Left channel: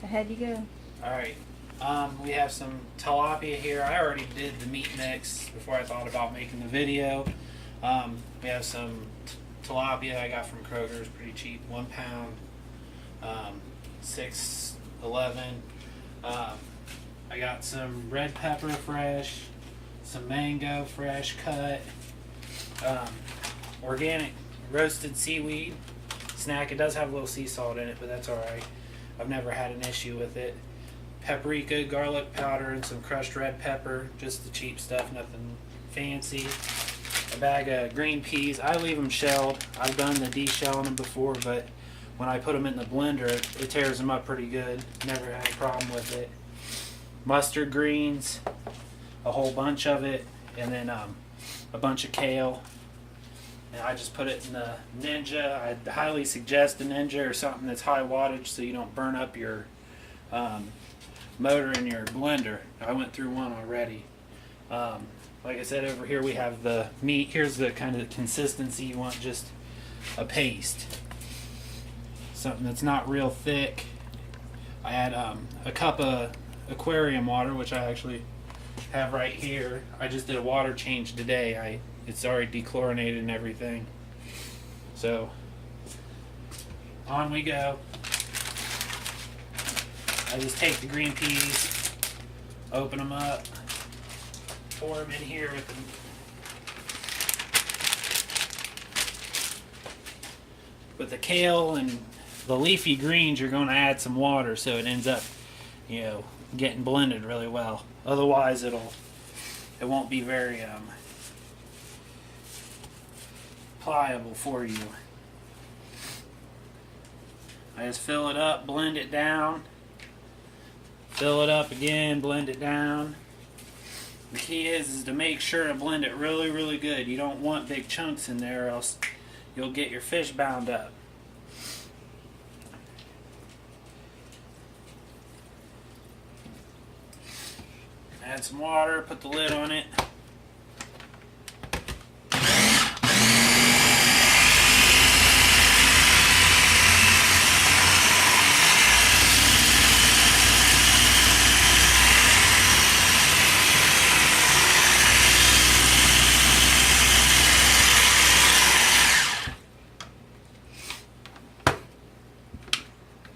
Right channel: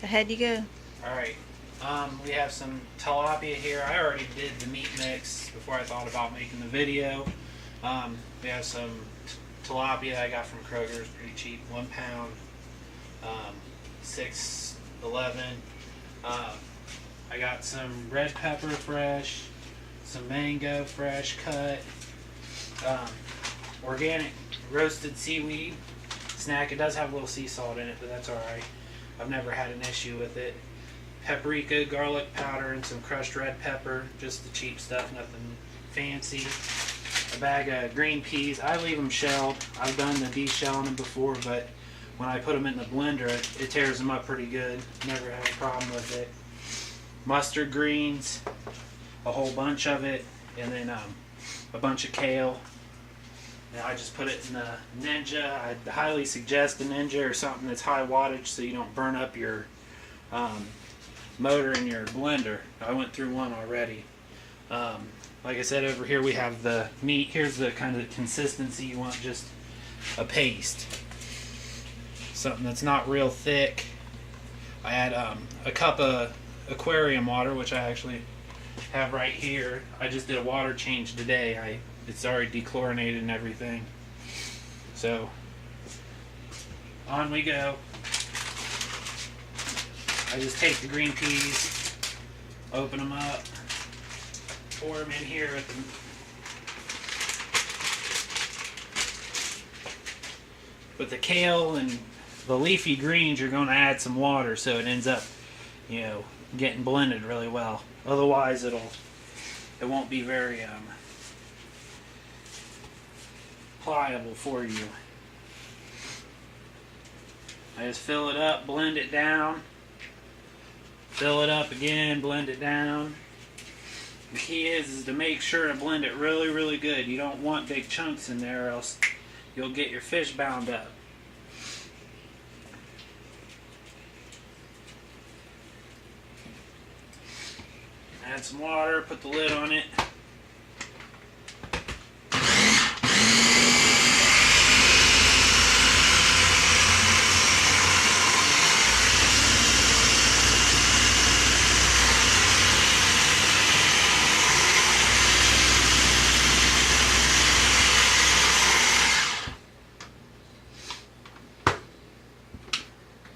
Ahead you go. Alright, we have some tilapia here. I already did the meat mix before I thought about making the video. We have some tilapia I got from Kroger's, pretty cheap, 1 pound, $6.11. I got some red pepper fresh, some mango fresh cut, organic roasted seaweed snack. It does have a little sea salt in it, but that's alright. I've never had an issue with it. Paprika, garlic powder, and some crushed red pepper. Just the cheap stuff, nothing fancy. A bag of green peas. I leave them shelled. I've done the de-shelling them before, but when I put them in the blender, it tears them up pretty good. Never had a problem with it. Mustard greens, a whole bunch of it, and then a bunch of kale. And I just put it in the Ninja. I highly suggest the Ninja or something that's high wattage so you don't burn up your motor in your blender. I went through one already. Like I said, over here we have the meat. Here's the kind of consistency you want, just a paste. Something that's not real thick. I had a cup of aquarium water, which I actually have right here. I just did a water change today. It's already dechlorinated and everything. So, on we go. I just take the green peas, open them up, pour them in here at the with the kale and the leafy greens. You're going to add some water so it ends up, you know, getting blended really well. Otherwise, it won't be very pliable for you. I just fill it up, blend it down, fill it up again, blend it down. The key is to make sure to blend it really, really good. You don't want big chunks in there, or else you'll get your fish bound up. Add some water, put the lid on it.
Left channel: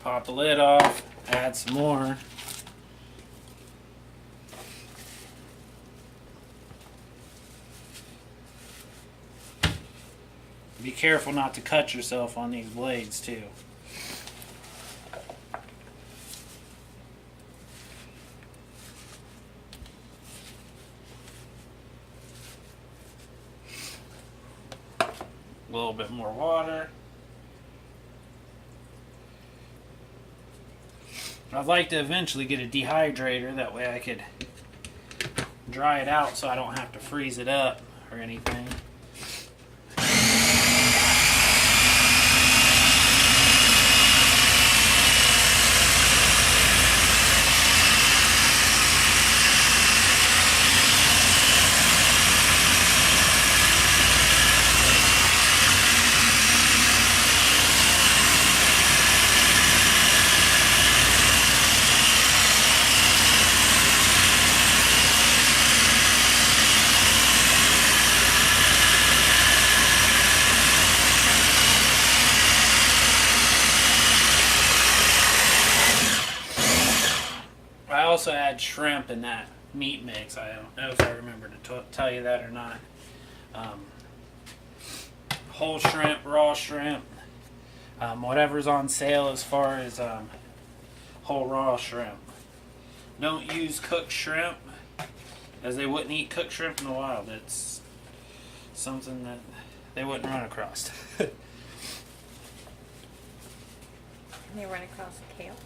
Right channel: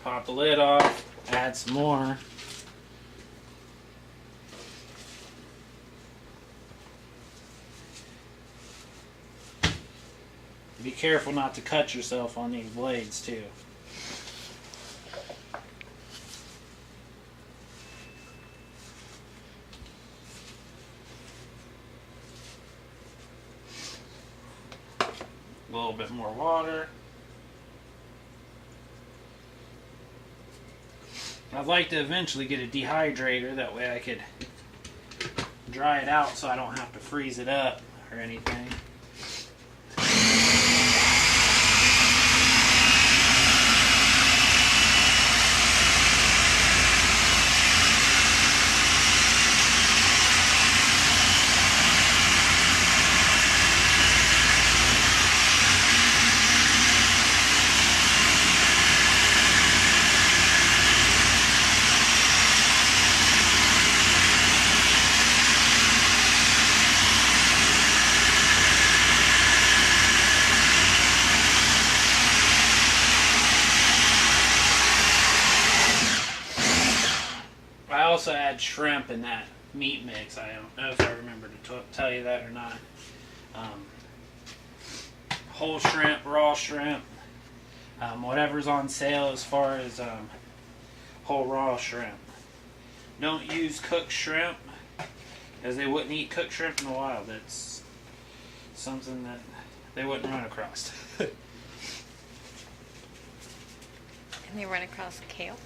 Pop the lid off, add some more. Be careful not to cut yourself on these blades too. A little bit more water. I'd like to eventually get a dehydrator, that way I could dry it out so I don't have to freeze it up or anything. I also add shrimp in that meat mix. I don't know if I remember to tell you that or not. Whole shrimp, raw shrimp, whatever's on sale as far as whole raw shrimp. Don't use cooked shrimp, as they wouldn't eat cooked shrimp in the wild. It's something that they wouldn't run across. Can they run across kale?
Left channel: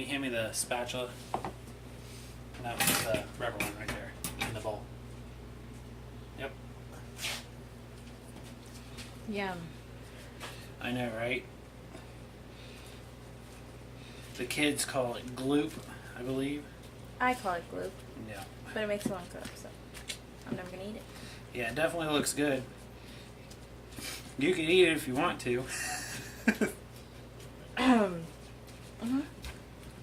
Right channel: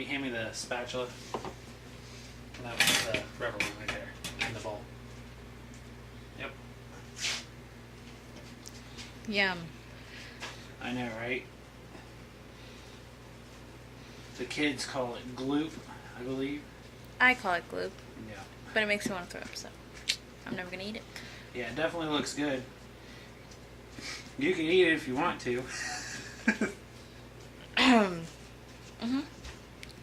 you hand me the spatula? And that was the rubber one right there in the bowl. Yep. Yum. I know, right? The kids call it gloop, I believe. I call it gloop, Yeah. but it makes me want to throw up, so I'm never gonna eat it. Yeah, it definitely looks good. You can eat it if you want to. Mm-hmm.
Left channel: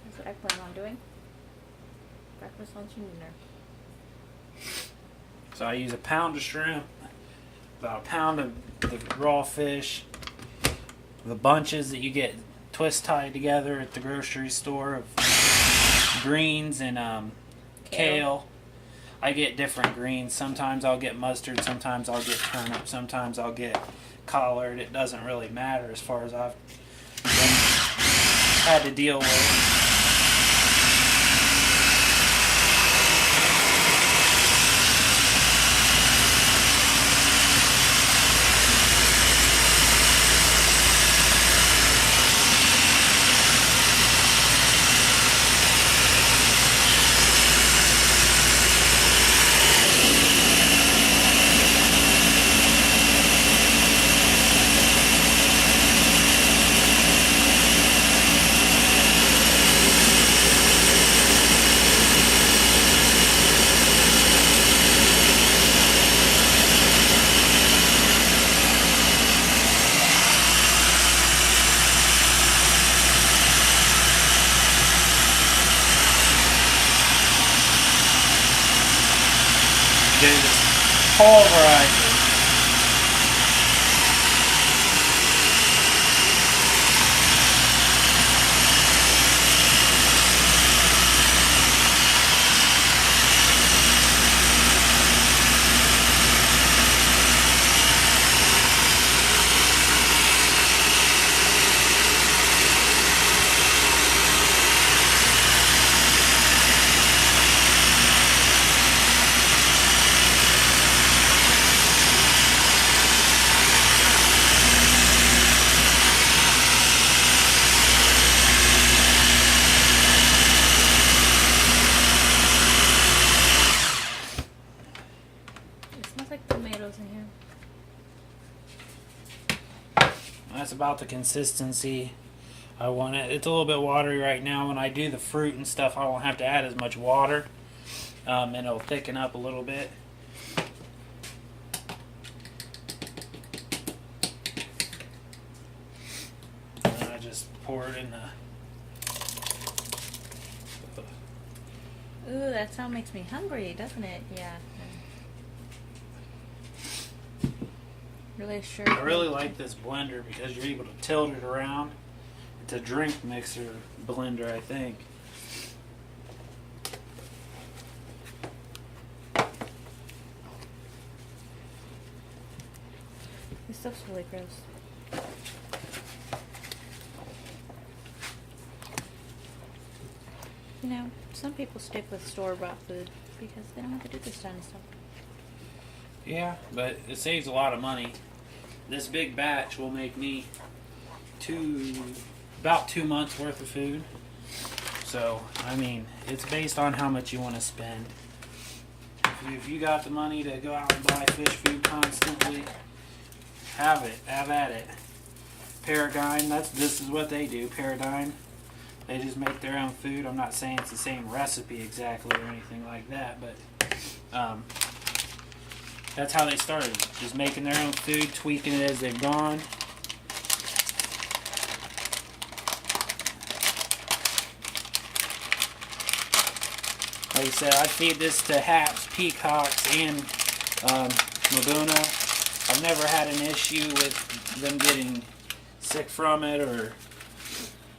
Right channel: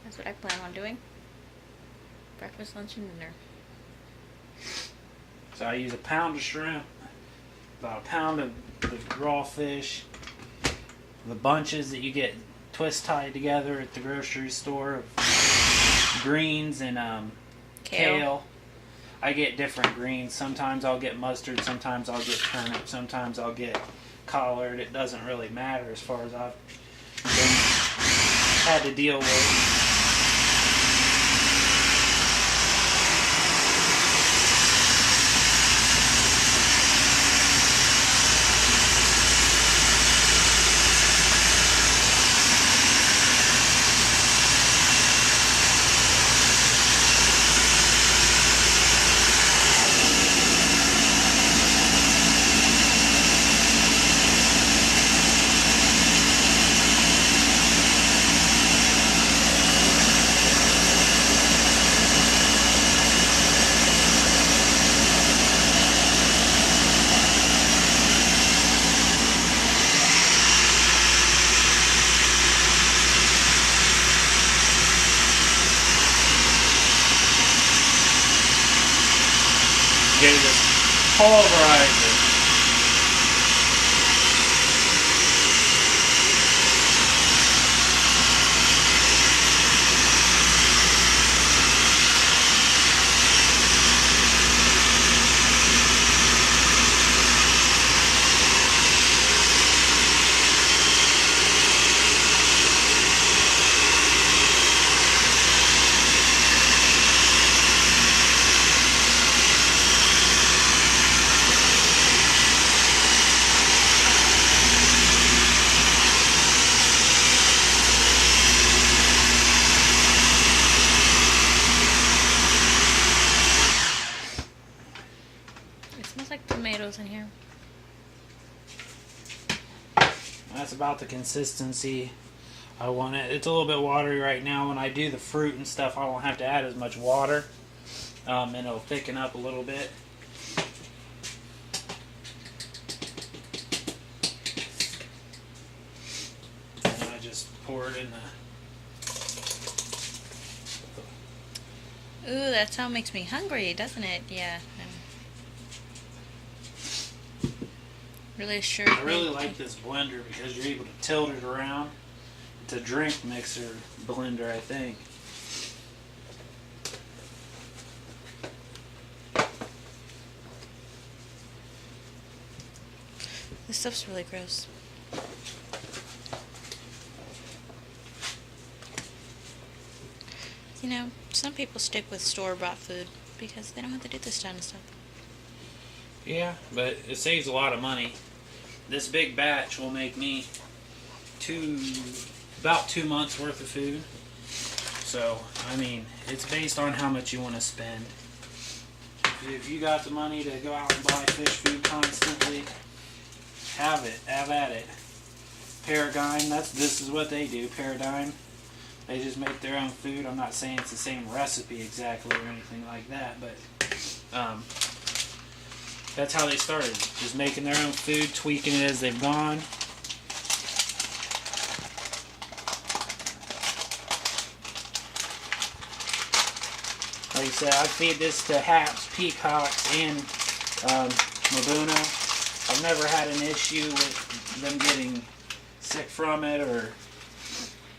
That's what I plan on doing. Breakfast, lunch, and dinner. So I use a pound of shrimp, about a pound of the raw fish, the bunches that you get twist tied together at the grocery store of greens and kale. I get different greens. Sometimes I'll get mustard, sometimes I'll get turnip, sometimes I'll get collard. It doesn't really matter as far as I've had to deal with. There's a whole variety. tomatoes in here. That's about the consistency I want it. It's a little bit watery right now. When I do the fruit and stuff, I won't have to add as much water, and it'll thicken up a little bit. And I just pour it in the... Ooh, that sound makes me hungry, doesn't it? Yeah. Really sure. I really like this blender because you're able to tilt it around. It's a drink mixer blender, I think. This stuff's really gross. You know, some people stick with store-bought food because they don't have to do this kind of stuff. Yeah, but it saves a lot of money. This big batch will make me about 2 months worth of food. So, I mean, it's based on how much you want to spend. If you got the money to go out and buy fish food constantly, have it. Have at it. Paradigm, this is what they do. Paradigm, they just make their own food. I'm not saying it's the same recipe exactly or anything like that, but that's how they started. Just making their own food, tweaking it as they've gone. Like I said, I feed this to haps, peacocks, and Mbuna. I've never had an issue with them getting sick from it or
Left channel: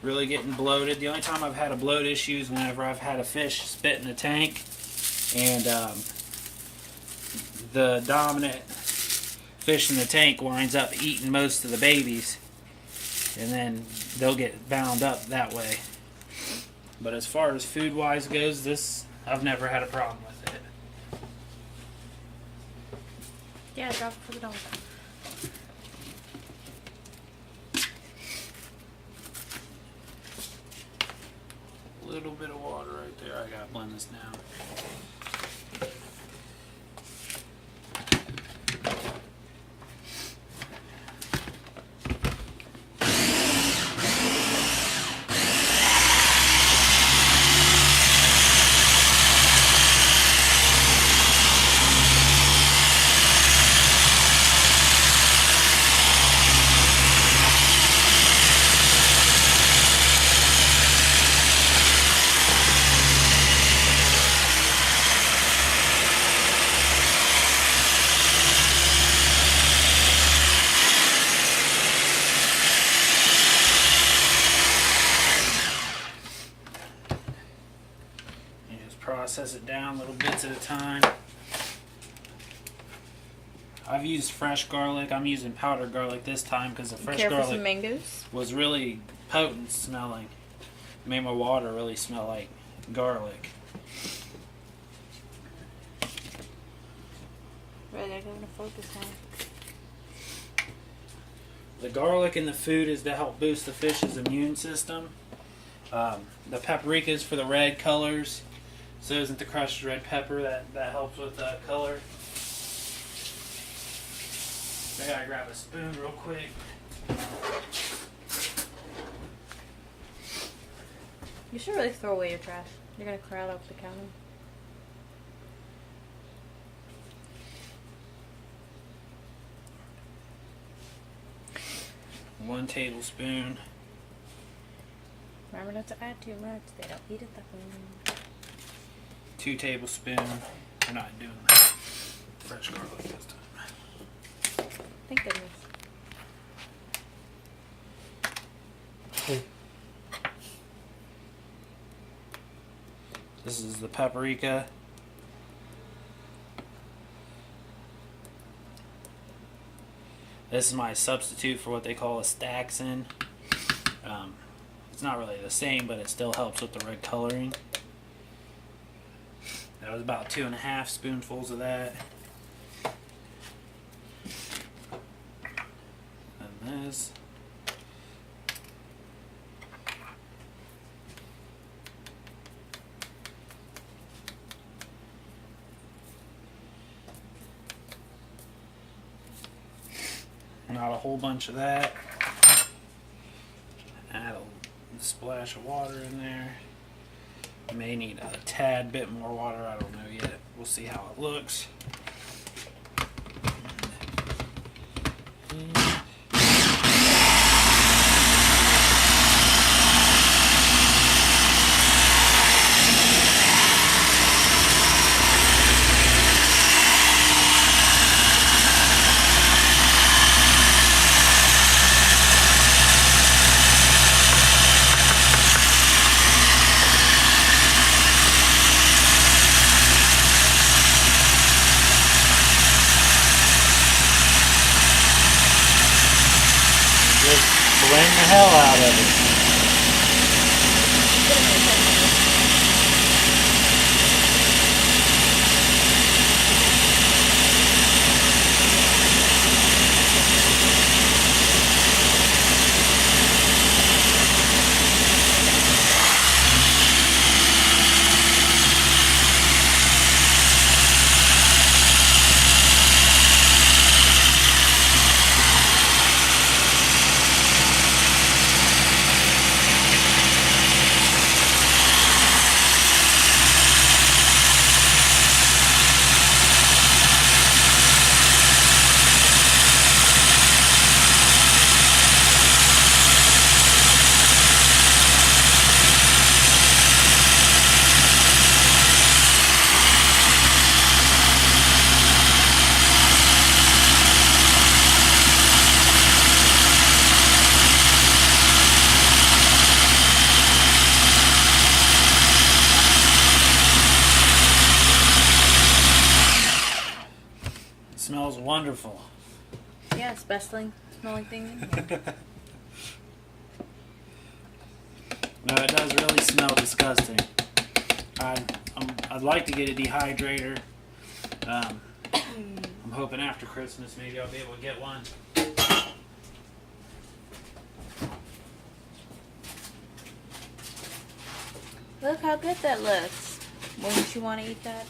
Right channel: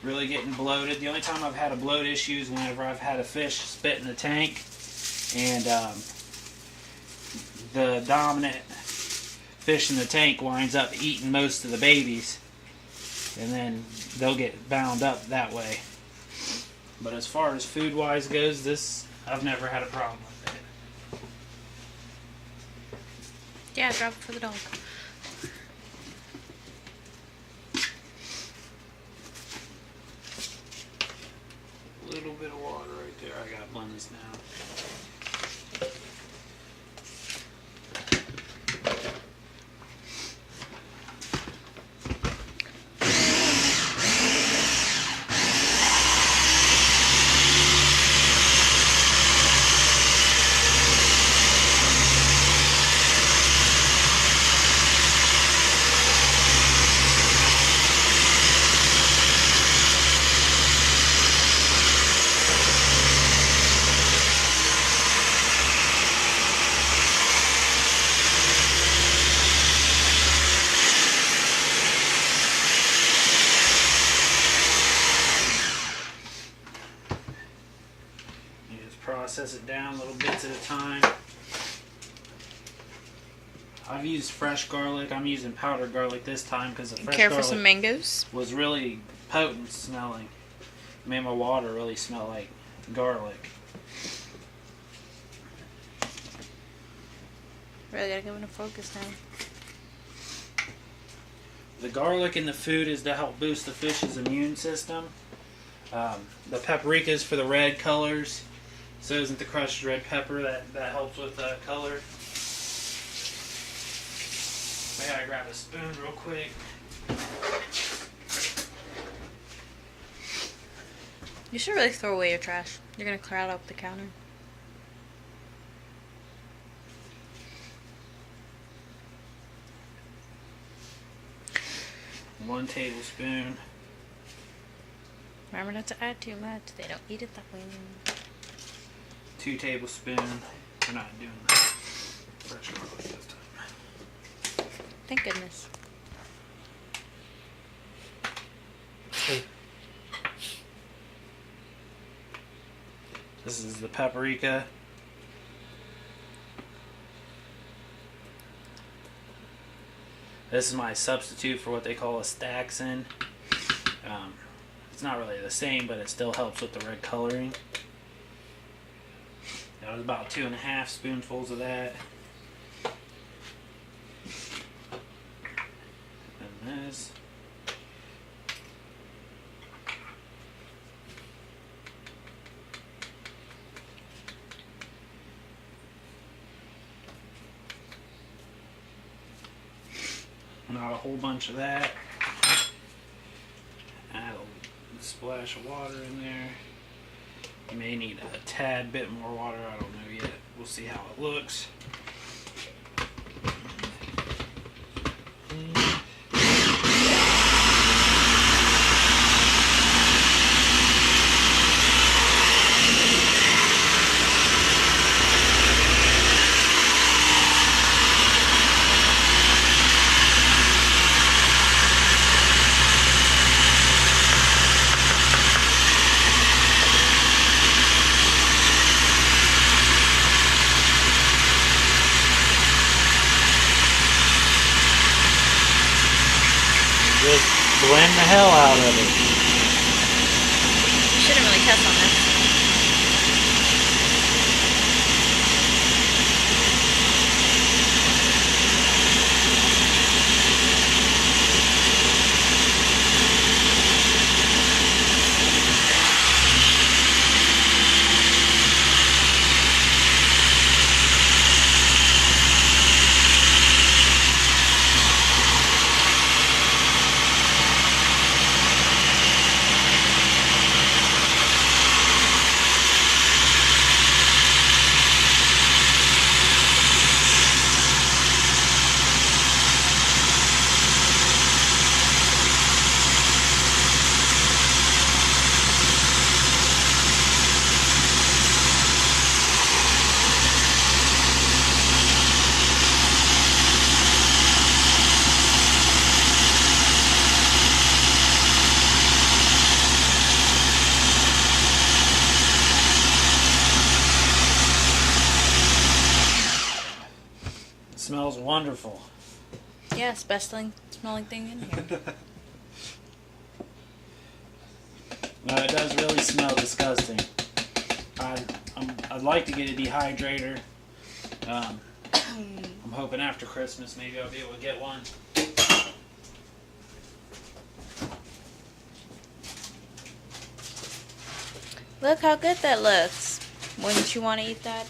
really getting bloated. The only time I've had a bloat issue is whenever I've had a fish spit in the tank and the dominant fish in the tank winds up eating most of the babies, and then they'll get bound up that way. But as far as food wise goes, this I've never had a problem with it. Yeah, drop it for the dog. little bit of water right there. I gotta blend this now. Process it down little bits at a time. I've used fresh garlic. I'm using powdered garlic this time because the fresh Care for garlic some mangoes? was really potent smelling. Made my water really smell like garlic. Really gotta go into focus now. The garlic in the food is to help boost the fish's immune system. The paprika is for the red colors. So isn't the crushed red pepper that helps with that color. I gotta grab a spoon real quick. You should really throw away your trash. You're gonna clear out up the counter. One tablespoon. Remember not to add too much. They don't eat it that way. 2 tablespoons. We're not doing that. Fresh garlic this time. Thank goodness. This is the paprika. This is my substitute for what they call a staxin. It's not really the same, but it still helps with the red coloring. That was about 2.5 spoonfuls of that. And this. Not a whole bunch of that. Add a splash of water in there. You may need a tad bit more water. I don't know yet. We'll see how it looks. Just blend the hell out of it. Shouldn't really touch on this. Smells wonderful. Yes, best smelling thing in here. No, it does really smell disgusting. I'd like to get a dehydrator. I'm hoping after Christmas maybe I'll be able to get one. Look how good that looks. Wouldn't you want to eat that?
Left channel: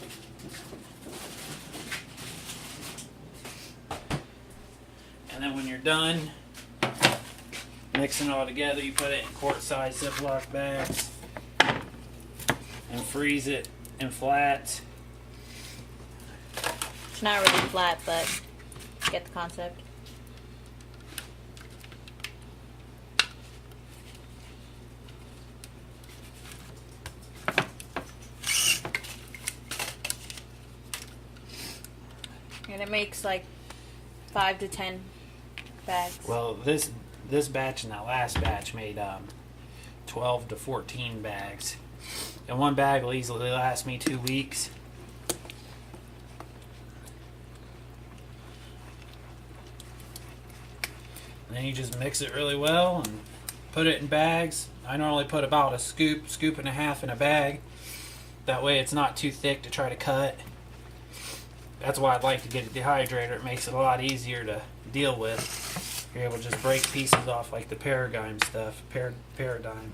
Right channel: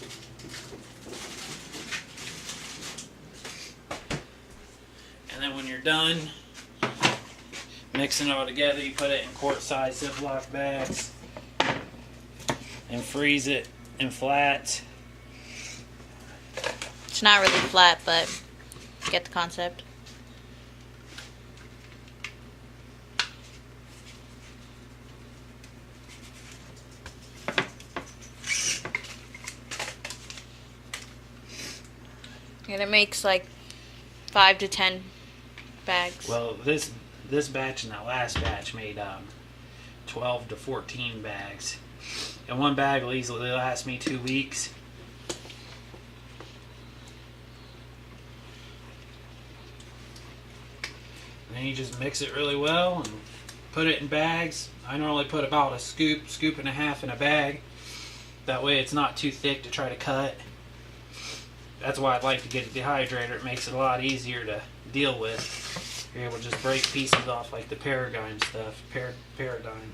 And then when you're done mixing it all together, you put it in quart-sized Ziploc bags and freeze it in flats. It's not really flat, but you get the concept. And it makes like 5 to 10 bags. Well, this batch and that last batch made 12 to 14 bags. And one bag will easily last me 2 weeks. And then you just mix it really well and put it in bags. I normally put about a scoop and a half in a bag. That way it's not too thick to try to cut. That's why I'd like to get a dehydrator. It makes it a lot easier to deal with. You're able to just break pieces off like the Paradigm stuff. Paradigm.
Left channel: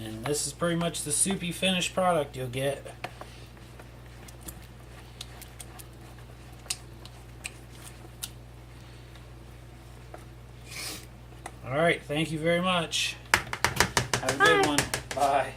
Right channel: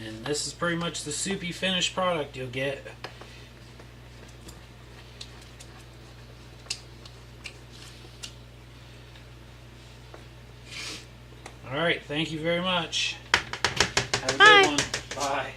And this is pretty much the soupy finished product you'll get. Alright, thank you very much. Have a good one. Bye.